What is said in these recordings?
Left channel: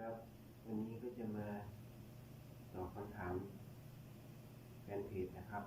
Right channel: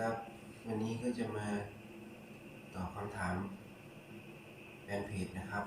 ครับ วันนี้ก็จะมาตอบคำถามแฟนเพจนะครับ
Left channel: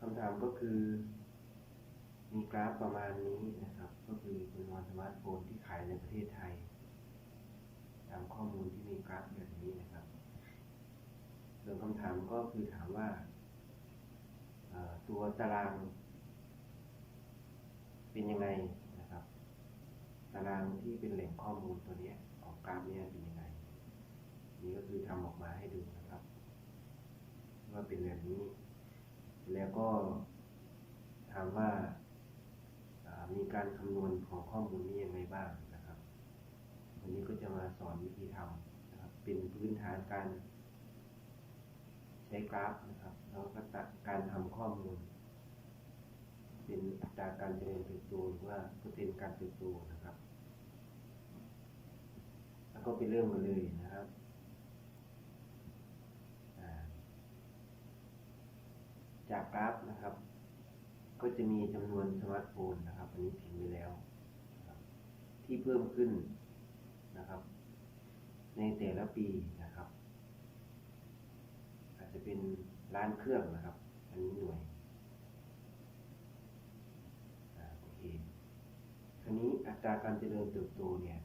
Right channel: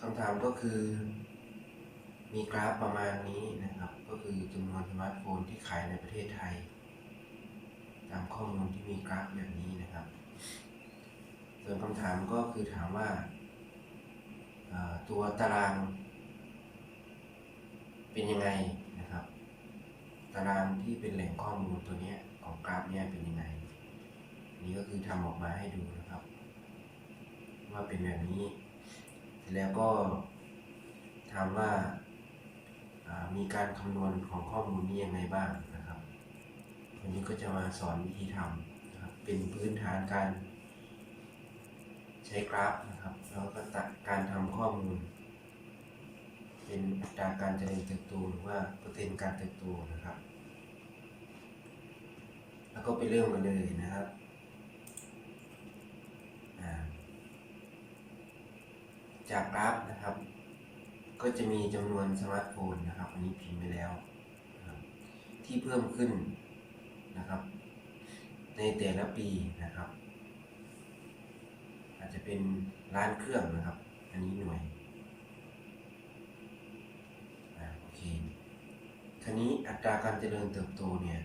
คำถามก็คือ มีกราฟประมาณนี้นะครับ ก็คือจำนวนสมาร์ทโฟนที่ขายในประเทศไทย ตามข้อมูลที่มีกราฟแบบนี้นะครับ ส่วนคำถามก็คือถามว่าตัวตาราง เป็นยังไง ตารางที่เป็นแหล่งข้อมูลตัวนี้ของกราฟเนี้ยเป็นยังไง นี่ก็คือทำออกมาให้ดูนะครับ ว่าเป็นแบบนี้ แล้วก็ถามว่าอ่ามีการคำนวณของข้อมูลนี้ยังไงบ้างนะครับวันนี้ก็จะมาสอนวิธีทำนะครับเป็นพื้นฐานการใช้กราฟนะครับ แล้วก็ตัดการทำข้อมูล เป็นอัตราการเจริญเติบโตหรือว่าเปอร์เซ็นต์การเติบโตนะครับ แล้วก็ไปเริ่มกันเลยนะครับจากกราฟนะครับ ก็จะมีจำนวนสมาร์ทโฟนนะครับอันนี้พิมพ์ไปแล้ว ที่เพิ่มขึ้นนะครับ ในแต่ละปีนะครับ อาจจะเป็นล้านเครื่องนะครับ อันนี้หน่วยอโอเคครานี้อัตราการเจริญเติบโตเนี่ย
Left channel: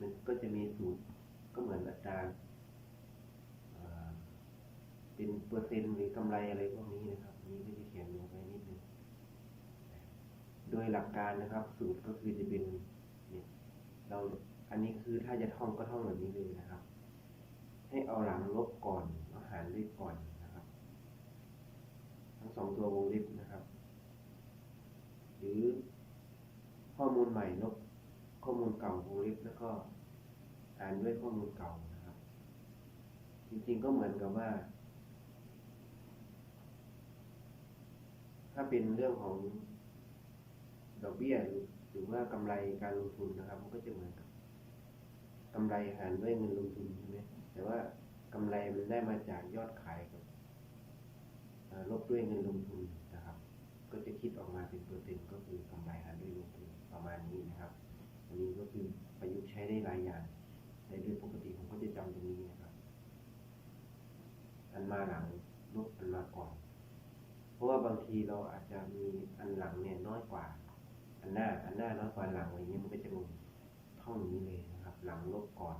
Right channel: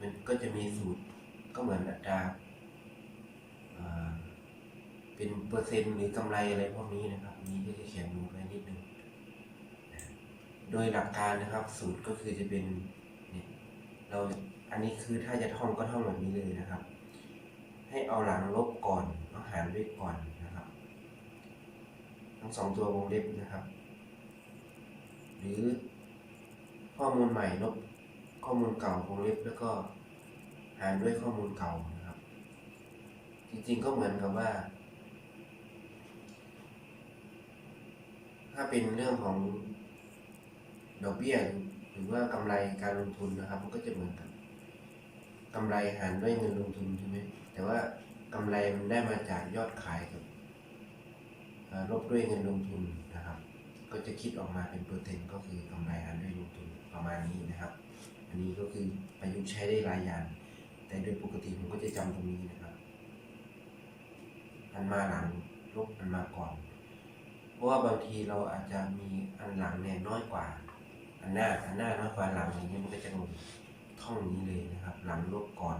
มันก็จะมีสูตรก็เหมือนอัตราเป็นเปอร์เซ็นต์หรือกำไรอะไรพวกนี้นะครับนี้ก็จะเขียนลงไว้นิดนึงนะโดยหลักการนะครับ สูตรก็คือจะเป็นเนี่ยเราอันนี้คือถ้าจะท่องก็ท่องแบบนี้เลยนะครับ ให้เอาหลังลบก่อนแล้วหารด้วยก่อนนะครับ ทั้งสองตัววงเล็บนะครับ หรือข้อมูลใหม่ลบ ข้อมูลเก่าวงเล็บแล้วก็หารด้วยข้อมูลเก่านะครับ จริงๆก็เหมือนกับว่า ถ้าเป็นเรื่องของดอกเบี้ยหรือว่ากำไรการลงทุนนะครับ มันก็จะเหมือนกับกำไรหารด้วยเงินลงทุนใช่ไหมแต่ว่ากำไรมันได้มาจากยอดขายกับลบด้วยเงินลงทุนนะครับ ก็จะคิดออกมาเป็นเปอร์เซ็นต์ก็คือกำไรหารด้วยลงทุนประมาณนี้นะครับ อันนี้ก็คือประยุกต์ใช้ได้หลายอย่าง แต่โดยปกติผมก็จะจำตรงนี้นะครับ อันมาหลังลบอันมาก่อน เพราะว่าบางทีเราอาจจะมีอันหลังเนี่ยน้อยกว่า อันหน้าอันหน้าน้อยกว่าหลังอย่างเงี้ยมันก็จะลงท่องนี้เลยนะครับ หลังลบก่อน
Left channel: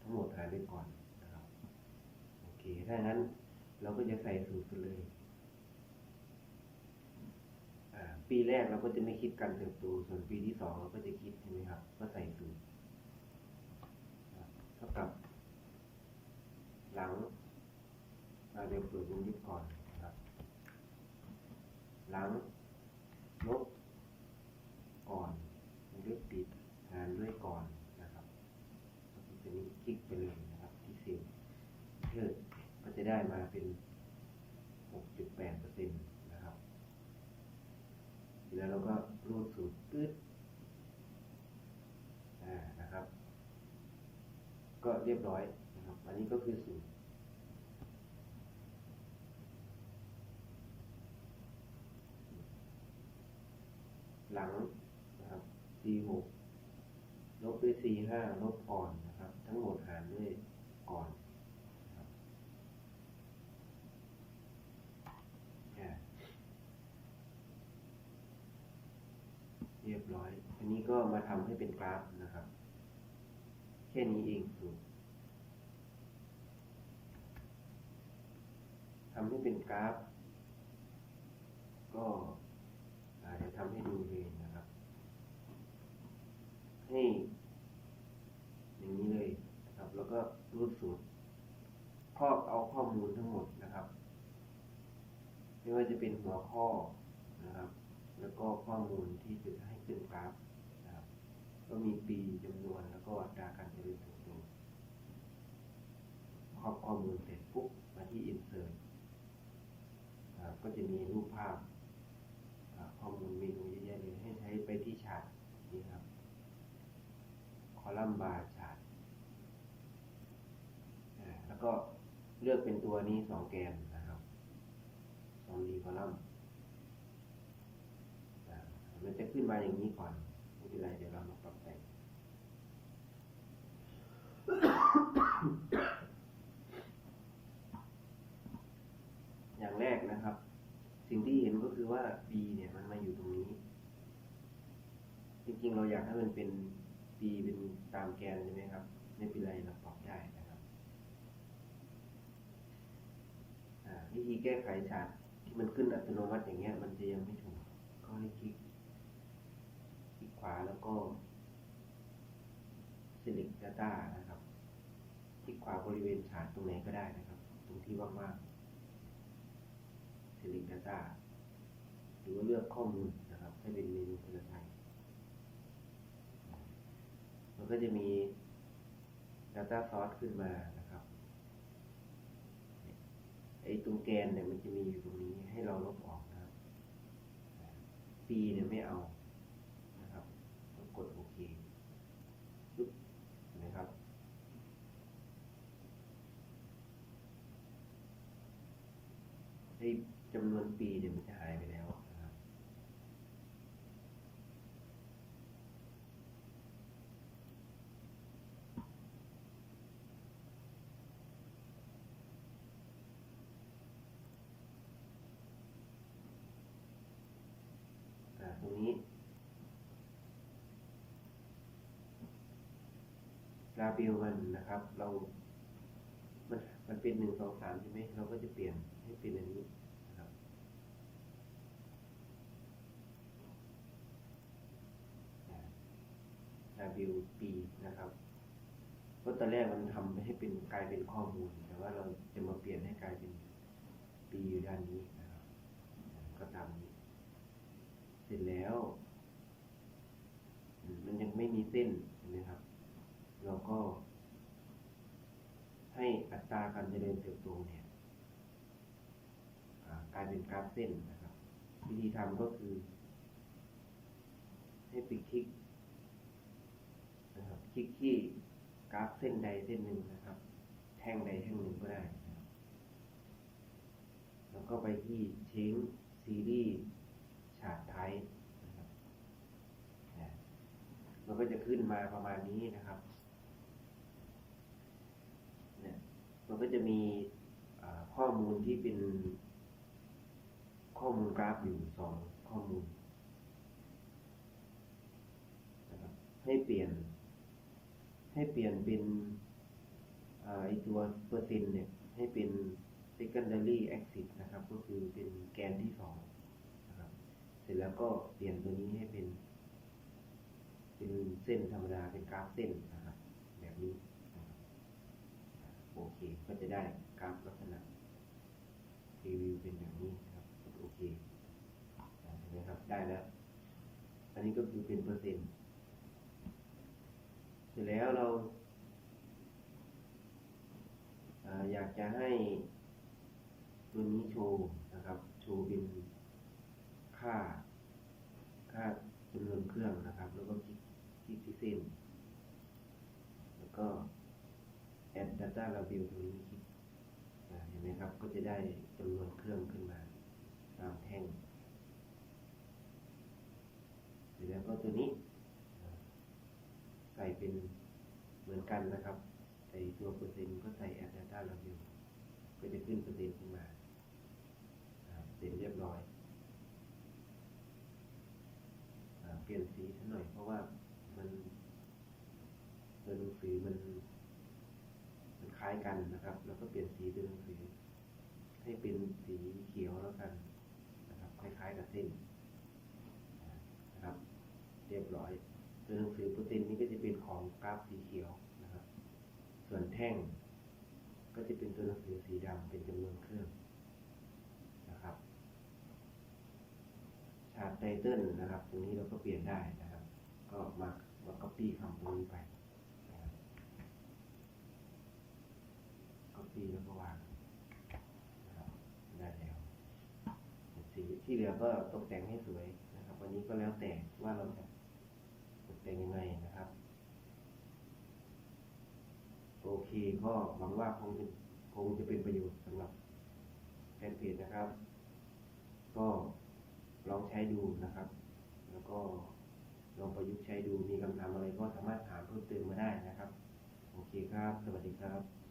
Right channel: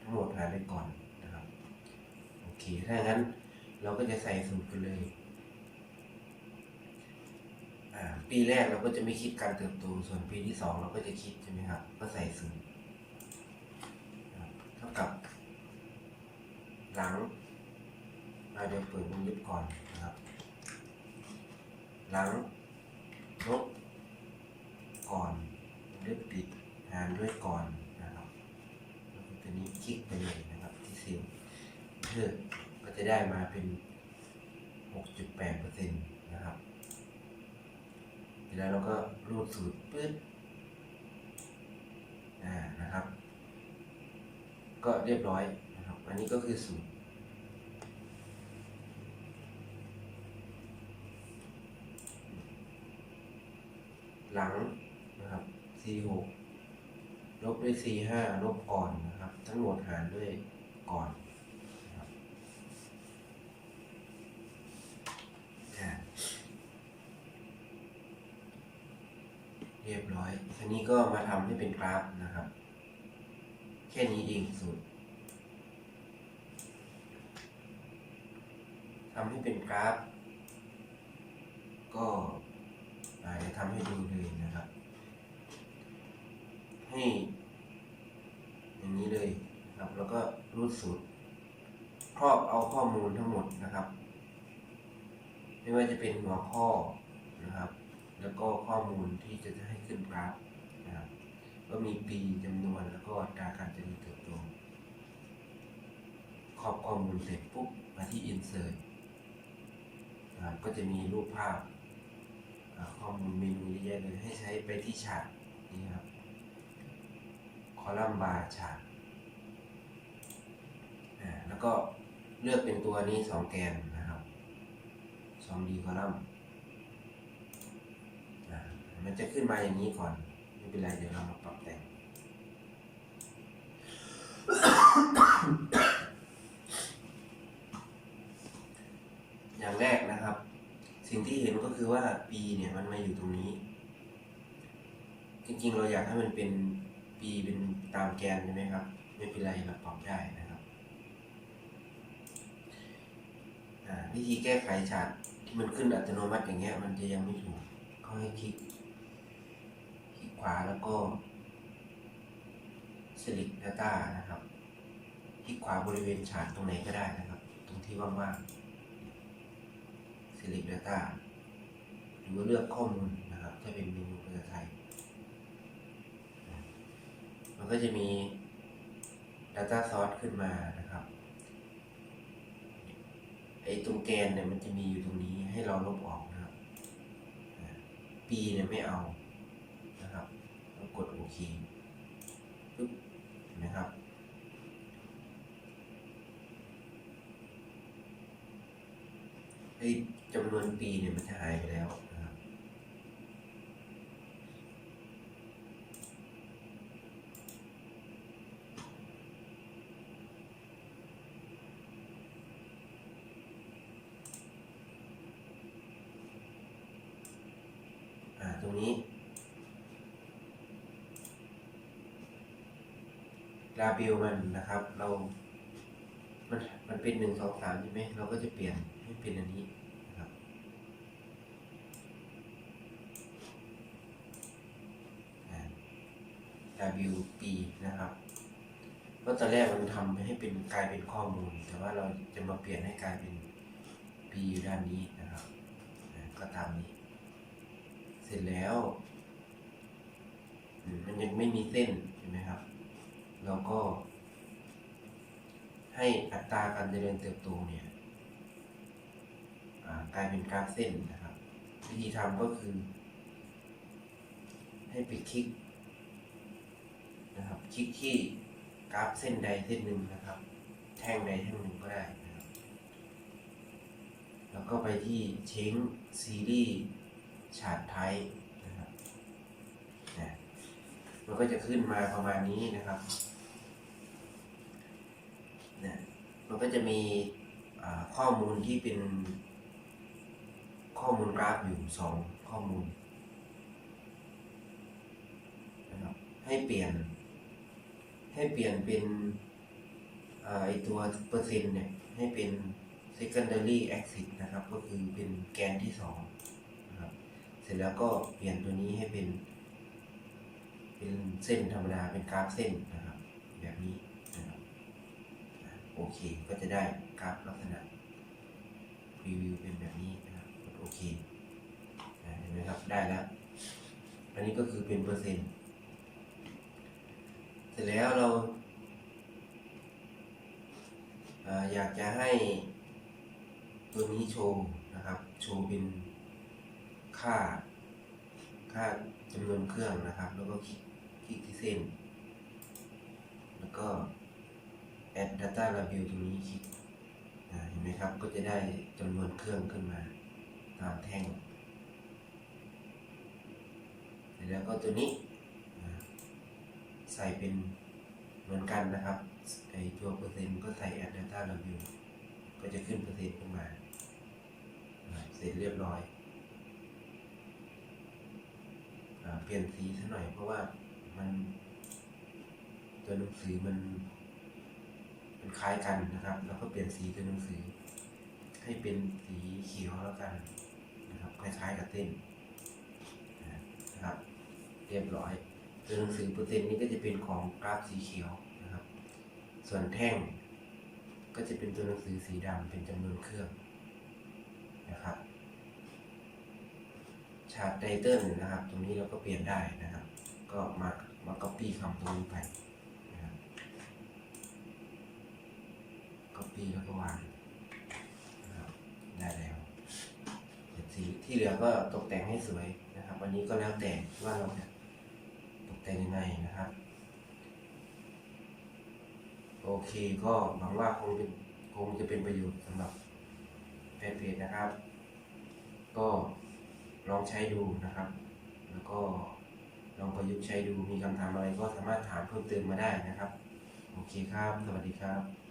ทั้งหมดหารไปก่อนนะครับโอเคถ้างั้นเราก็จะใส่สูตรกันเลย อ่า ปีแรกเราก็จะไม่คิดการเติบโต ส่วนปีที่สองเราก็จะคิดใช่ไหมครับ ก็ใส่สูตรนะครับเท่ากับ หลังอ่าเดี๋ยวเปิดวงเล็บก่อนนะครับ หลังลบก่อนวงเล็บปิดหารด้วยก่อนนะครับตัวนี้คลิกไปเลยนะครับที่เซลล์เพื่อก็จะได้มาเป็น 6.8%นะครับเสร็จ แล้วเราก็รูดสูตรปื๊ดอ่านะครับ ก็เรียบร้อยนะครับ อันนี้ก็คือสูตรหลังนะครับ C6 ลบด้วย C5 ลบก่อนนะครับ ทั้งหมดหารด้วยก่อนนะครับอ่า เรียบร้อยทีนี้ก็มาทำให้เป็นกราฟนะครับ แค่นี้เองสูตรทำให้เป็นกราฟ ก็เดี๋ยวทำให้ดูเลยนะครับ ให้ อย่างนี้เลยนะครับ แล้วก็รูดสูตร ครอบเอาข้อมูลทั้งหมดนะครับ ไม่ว่าจะเป็นหัวข้อนะครับ แล้วก็ข้อมูลที่จะให้ขึ้นกราฟนะครับก็มีปีจำนวนแล้วก็อัตราการเจริญเติบโตครอบข้อมูลเสร็จปุ๊บมาที่ insert นะครับก็จะมีรูปภาพข้อมูลเมนูเยอะแยะเลยให้ใช้ไปที่ฉากนี่ครับคอลัมน์บาร์ฉากแล้วก็เลือกเป็นตัวนี้สองแกนนะครับสองดีคอลัมน์ มันจะขึ้นมาอย่างนี้ก่อน ไม่เป็นไรเดี๋ยวเรามาปรับแต่ง อย่างแรกนะครับ สิ่งที่เห็นก็คือว่า P เนี่ยมันมาอยู่ตรงนี้ จริงๆ เราอยากให้มันเป็น P เป็นตามแกนใช่ไหมครับ ไม่เป็นไรเราปรับได้นะครับวิธีแก้ไขฉากที่มันขึ้นอัตโนมัติอย่างเงี้ย มันจะยังไม่ถูกก็ให้คลิก วาแล้วก็ select data นะครับคลิกขวาบริเวณฉากตรงไหนก็ได้นะครับ ตรงที่ว่างๆ select data หรือว่าเลือกข้อมูลนะครับถ้าเป็นเมนูภาษาไทย มันก็จะมี data source ขึ้นมานะครับไอ้ตรงแกนเนี่ยมันจะมีอยู่ตรงนี้ให้เราลบออกนะครับอ่า P เนี่ยไม่เอานะครับแล้วกดโอเคปึ๊บเห็นไหมครับ ไอ้จำนวนปีเนี่ยมันจะหายไปแล้วนะครับอ่าตรงนี้ลาเบลมันนะครับ เรา มันมันเป็นหนึ่งสองสามใช่ไหมเราก็จะเปลี่ยน ให้เป็นอันนี้นะครับอ่า WP นะครับเพราตอนแรกมันทำให้เป็นกลายเป็นข้อมูล แต่ว่าเราจะมาเปลี่ยนให้กลายเป็น P อยู่ด้านนี้นะครับก็ตามนี้ เสร็จแล้วมันยังไม่มีเส้นเห็นไหมครับ เราก็ให้อัตราการเจริญเติบโตเนี่ย กลายเป็นกราฟเส้นนะครับ วิธีทำก็คือ ให้ไปคลิกนะครับ คลิกที่กราฟเส้นใดเส้นหนึ่งนะครับ แท่งใดแท่งหนึ่งก็ได้นะครับ แล้วก็ไปที่เช้งซีรีส์ชาร์ตไทป์นะครับนะมันก็จะขึ้นมาประมาณนี้นะครับนะมันก็จะมีข้อมูลที่เป็น ข้อมูลกราฟอยู่สองข้อมูลนะครับให้เปลี่ยน ให้เปลี่ยนเป็นอไอตัวเปอร์เซ็นต์เนี่ย ให้เป็น secondary axis นะครับ ก็คือเป็นแกนที่สองนะครับเสร็จแล้วก็เปลี่ยนตัวนี้ให้เป็น เป็นเส้นธรรมดาเป็นกราฟเส้นนะครับ แบบนี้นะครับโอเคก็จะได้กราฟลักษณะรีวิวเป็นแบบนี้นะ โอเคเห็นไหมครับ ได้แล้ว อันนี้ก็คือเป็นเปอร์เซ็นต์ เสร็จแล้วเราอยากจะให้ตัวนี้โชว์นะครับ โชว์เป็นค่า ค่าจำนวนเครื่องนะครับ แล้วก็คลิกคลิกที่เส้น แล้วก็ add data label ตรงนี้คลิกเห็นไหมครับ ก็จะได้จำนวนเครื่องขึ้นมา ตามแท่งเสร็จแล้วก็ตัวนี้ใส่เป็นเหมือนกันนะครับไอตัวเปอร์เซ็นต์ก็ใส่ add data label ก็จะขึ้นเปอร์เซ็นต์ขึ้นมา เสร็จเรียบร้อยอเปลี่ยนสีซะหน่อยเพราะว่ามันตัวหนังสือมันมันคล้ายกันนะครับ แล้วก็เปลี่ยนสีตัวหนังสือ ให้เป็นสีเขียวแล้วกัน คล้ายๆกับเส้นนะครับ เรียบร้อยตัวหนังสือเปอร์เซ็นต์นี้ก็จะเป็นของกราฟสีเขียวนะครับ ส่วนแท่ง ก็จะเป็นตัวหนังสือสีดำเป็นจำนวนเครื่องนะครับชาร์ตไตเติลนะครับ ตรงนี้เราก็เปลี่ยนได้นะครับ ก็มามา copy คำตรงนี้ไปนะครับ copy แล้วก็วางนะครับได้แล้วเสร็จสี ที่เหลือก็ตกแต่งให้สวยนะครับวันนี้ก็แล้วแต่ว่าเราจะตกแต่งยังไงนะครับ โอเคก็หวังว่าคงเป็นคงจะเป็นประโยชน์สำหรับแฟนเพจนะครับ ก็ลองใช้ดูนะครับ แล้วก็ลองประยุกต์ใช้ดูมีคำถามอะไรก็สามารถถามเพิ่มเติมมาได้นะครับ โอเคครับ สวัสดีครับ